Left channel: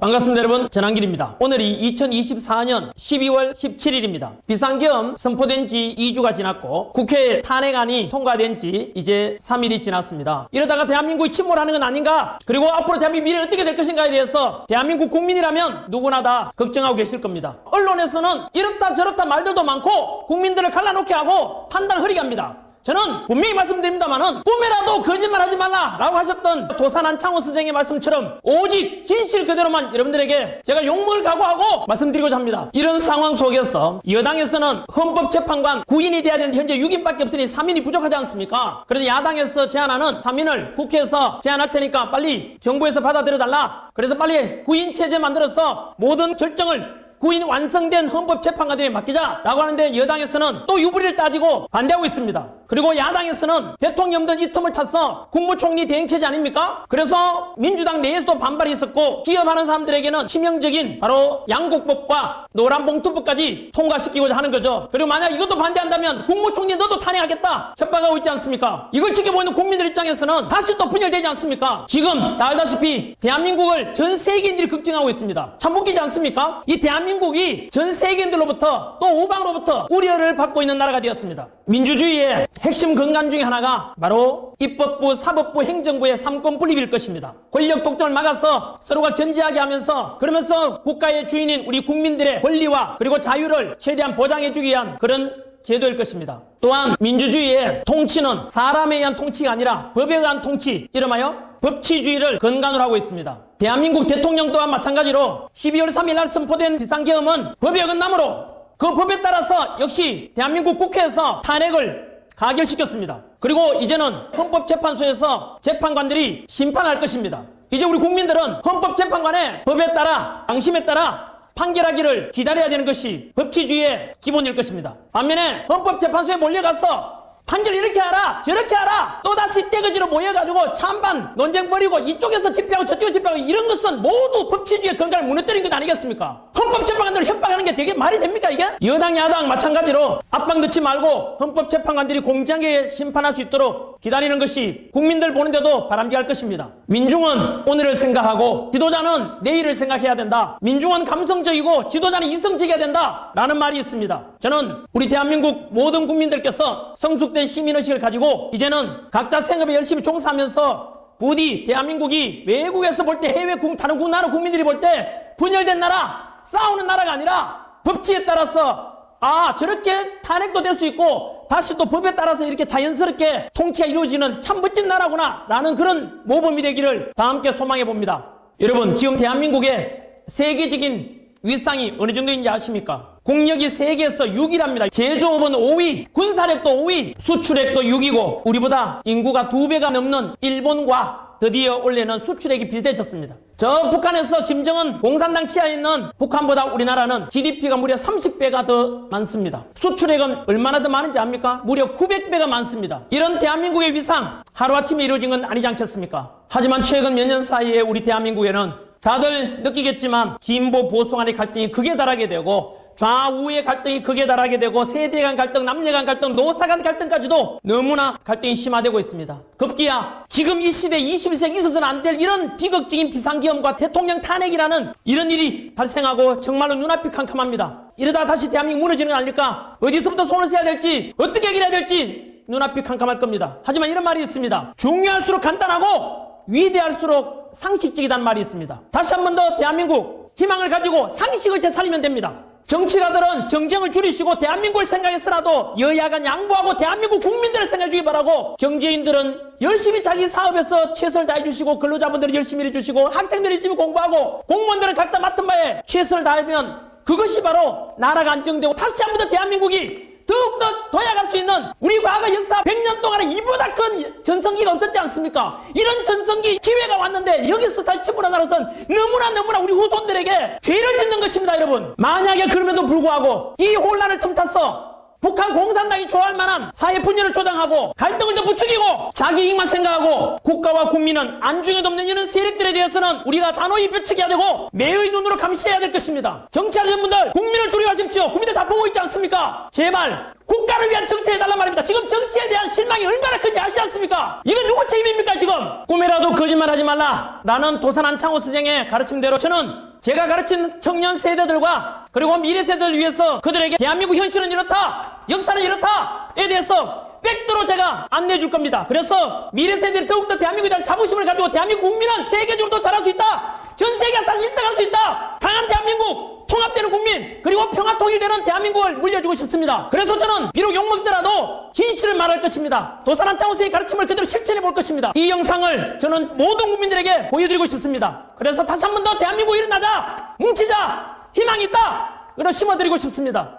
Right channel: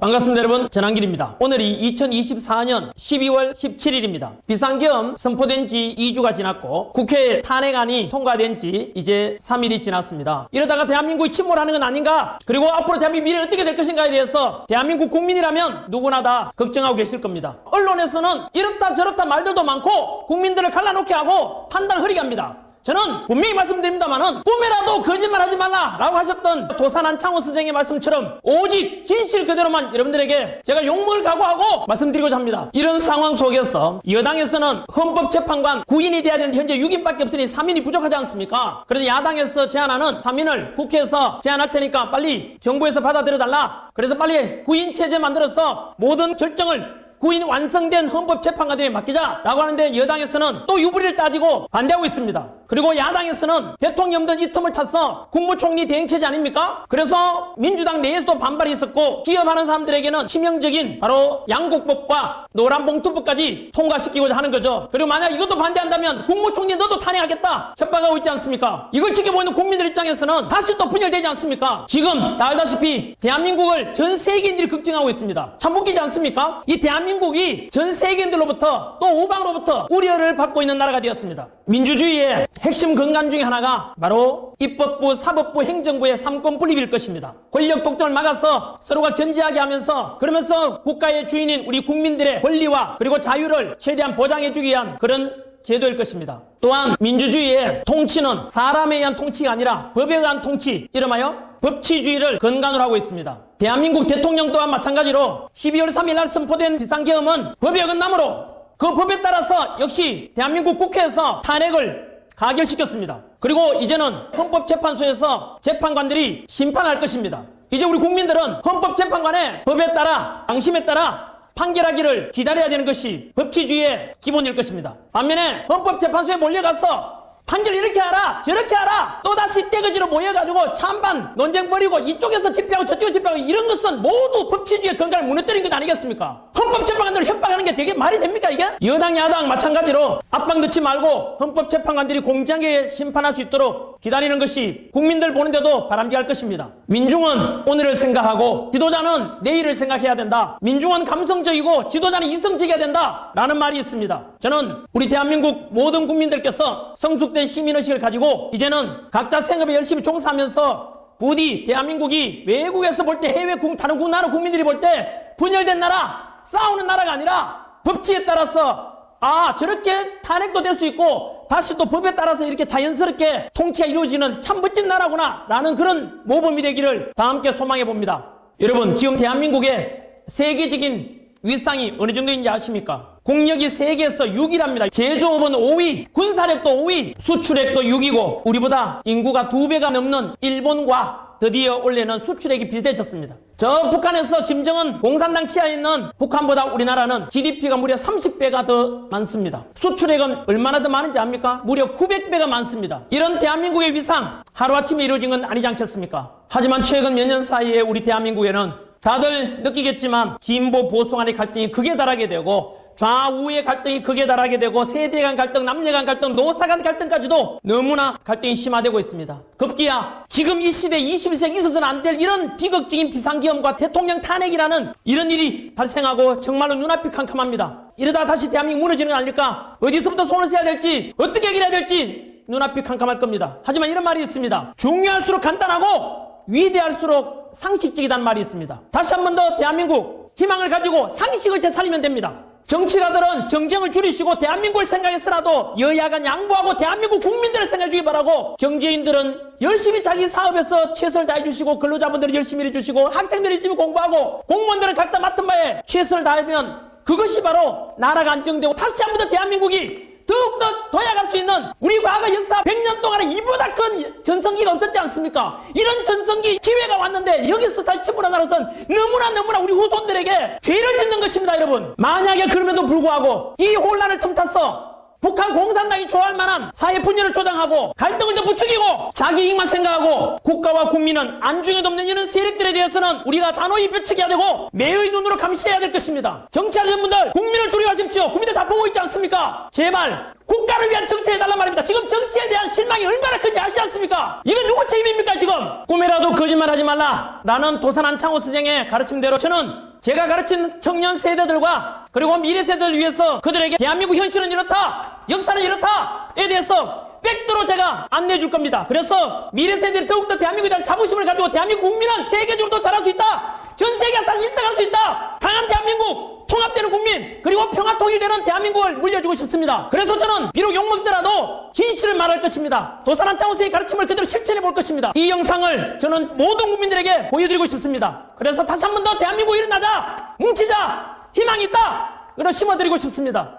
반갑습니다 여러분, 전한길입니다. 오늘이 2024년 12월 17일입니다. 비상계엄 선포된 지 2주가 지났고 국회 탄핵안이 통과된 지 이제 3일이 지났습니다. 이러다가 대한민국이 침몰하는 건 아닌가? 그리고 앞으로 대한민국 미래는 어떻게 될 것인가에 대해서 대한민국 국민이라면 누구나 다 걱정하고 계실 겁니다. 언론에서는 이렇다 저렇다 말들도 많고 국민들을 갈라놓게 하고 판단을 흐리게 합니다. 저는 분명히 말씀드립니다만은 꿈에라도 거짓말하지 말라라고 하셨던 도산 안창호 선생의 말씀처럼 오직 진실 그대로만 여러분들에게 제가 욕먹을 각오하고 말씀드리고자 합니다. 이런 상황 속에서 여당에서는 헌법재판관 9인이 돼야 되는데 현재 6인밖에 없으니 3인이 부족하지 않습니까? 그래서 야당에서 제안하는 3인을 국회에서 제안할 테니까 빨리 정부에서 받아들여달라. 그래서 빨리 9인 체제 만들어서 모든 결정을 9인 완성된 헌법재판관들에 맡기자라고 하는데 여당에서는 또 유불리를 따지고 반대하고 있습니다. 그리고 야당에서는 대통령들 이 틈을 타서 국무총리 대행체제 아닙니까? 그래서 민주당 내에서도 반발이 있었고 기업하는 사람들에게는 치명적인 바로 양곡법과 노란봉투법까지 통과시키고자 하는 거죠. 그리고 만약 이것도 반대한다면 국무총리 너도 탄핵하겠다 협박하고 있지 않습니까? 이걸 지켜보고 있는 국민들 입장에서는 다시 또 분열되지 않습니까? 지금 다 알다시피 대한민국을 전 세계인들이 걱정하고 있습니다. 참 웃기지 않습니까? 이 대한민국이 전 세계인들로부터 또 우방으로부터 우려를 받고 있는 나라가 되었습니다. 민주주의의 핵심 근간 중에 하나가 바로 입법부, 사법부, 행정부의 삼권 분립일 것입니다. 권력 독점을 막아서 서로가 견제하게 하면서 그러면서 국가의 주인인 우리 국민들의 권리와 그리고 자유를 최대한 보장해주기 위한 그런 제도일 것입니다. 또한 민주주의의 통치는 사람에 의한 통치가 아니라 법에 의한 통치, 이름하여 법치주의를 근간으로 하고 있습니다. 대한민국 대통령 또한 마찬가지로 12월 3일 날 선포된 비상계엄은 법에 어긋나므로 그 법에 따라서 역시 대한민국 국회에서 탄핵을 가결시켰습니다. 그리고 이제는 헌법재판소에서 재판관들이 심판할 것입니다. 이제 우리 국민들은 헌법재판관의 법에 따라 양심에 따라 판결하기를 기다려야 되는 것이 법치주의의 기본일 것입니다. 반면에 헌법재판소에 몰려가서 판결 이렇게 하라 저렇게 하라 또다시 떼거지로 모여가지고 찬반 논쟁 벌이고 이쪽에서 집회하고 저쪽에서 집회하고 이런 것은 모두 법치주의의 근간을 무너뜨린 것 아니겠습니까? 헌법재판관들을 협박하는 게 되게 말이 됩니까 이게? 여당 야당 마찬가지로 압박 넣지 말고 헌법재판관들이 공정하게 심판할 수 있도록 기다리는 것이 국민들 보는데도 바람직할 것입니다. 민중은 오늘을 생각하고 지도자는 내일을 생각해야 된다. 민중은 감성적이고 지도자는 이성적이어야 된다 라는 말이 있습니다. 저는 우리 대한민국 모든 국민들께서 성숙된 시민의식을 가지고 이제는 각자 생업에 열심히 종사하면서 부디 대한민국이 외국에서 볼 때 해외 다른 나라 국민들이 볼 때 분열된 나라 싸우는 나라가 아니라 법치에 따라서 저렇게 탄핵도 될 수 있고 다시 또 법에 따라서 이렇게 자연스럽게 통치가 이루어지는 참 멋진 나라구나 라는 그런 모범이 되기를 다 함께 소망해 봅니다. 여러분 지금 대한민국의 세계적인 위상이 어느 정도인지 아십니까? 국력이 세계에서 6위랍니다. 제조업은 5위, 군사력도 5위, 수출액도 6위고 우리보다 인구가 2배가 넘는 일본과 드디어 올해는 수출액이 비슷해졌습니다. 저 북한에서 김정은 공산당 치하에 있는 북한보다 우리나라는 GDP가 무려 30배가 더 많습니다. 수출액은 얼마나 더 많은지 압니까? 무려 900배가 많습니다. 이런 대한민국의 위상 하루아침에 이루어진 건 아니지 않겠습니까? 하지만 최근 몇 년 사이에 우리 대한민국에는 다들 느끼겠지만 진보 보수 간의 갈등이 극에 달하게 되고 좌우의 갈등이 극에 달하게 되고 세대 간 갈등, 남녀 간 갈등, 노사 간 갈등까지도 너무나 갈등이 심화되고 있습니다. 급기야 지금 이 시대 21세기 있어서는 안 될 이런 비극적인 비상계엄과 대통령 탄핵이라는 이런 일이 발생하고 정말로 눈앞이 캄캄합니다. 이러다 다시 대한민국 무너지는 거 아닐까? 어디서부터 손을 써야 될지 어떻게 해결해야 될지 눈앞이 캄캄할 겁니다. 하지만 이런 말이 있습니다. 중요할수록 간단하고 위대할수록 상식적이라는 말이 있습니다. 다시 한 번 더 대한민국 희망을 가지고 상식을 되살리면 됩니다. 정치가들은 정쟁을 줄이시고 대한민국을 생각해서라도 여야간 양보하고 대한민국 국민들을 생각해 주기 바라고 경제인들은 열심히 자기 사업에서 최선을 다해 주시고 근로자분들은 열심히 해주시고 학생들이 열심히 공부하고 공무원들은 각자 맡은 바에 최선을 다하면 그것이 바로 나라가 안정되고 다시 한 번 더 대한민국이 더욱더 도약할 수 있는 우리 과거 역사 100년 동안에 이보다 큰 전성기가 없었지 않습니까? 이런 전성기 기회가 왔는데 여기서 다시 침몰한 나라로서는 너무나 우리 후손들에게 죄를 짓는 것입니다. 여러분 만약에 그럼에도 불구하고 이 혼란을 틈타서 북한 공산당이 좋아할 만한 사회 분열을 조장하고 갈등을 더 부추기고 자기 이익만 생각하고 국가와 국민은 안중에도 없는 이런 세력들에 대해서는 우리가 단호히 뼈치게 해야 되고 매의 눈으로 감시해야 될 것입니다. 정치하시는 분들 국민을 두려워하십시오. 국민들 다 보고 있지 않습니까? 제발 국가를 위한 정치해달란 말입니다. 지금 정치에 대한 실망이 얼마나 큰지 아시지 않습니까? 이건 누구 책임입니까 지금? 꿈에라도 거짓말하지 말라 라는 도산 안창호 선생의 가르침대로 저는 제가 가르친 청년 세대들과 그리고 미래 세대를 위해서 그들에게 대한민국 현실은 이렇다, 역사는 이렇다에 대해서 팩트로 제가 안내해 줄 겁니다. 그래서 미래 세대들이 더욱더 대한민국에 대한 자부심을 가지고 대한민국 국민은 세계적으로 잘할 수 있다. 전 세계가 다시 1등할 수 있다. 강한 대한민국, 통합되는 국민, 그리고 평화 통일되는 대한민국을 물려주고 싶습니다. 그래서 저는 비록 욕먹더라도 진실을 말할 것입니다. 도산한 장우스의 가르침을 그대로 실천해 볼 것입니다. 이 영상을 저는 모든 국민들에게 보여드리고 싶습니다. 그래서 다시 한 번 더 대한민국 일어나자, 뭉치자, 희망이 있다, 이런 심어드리고 싶습니다.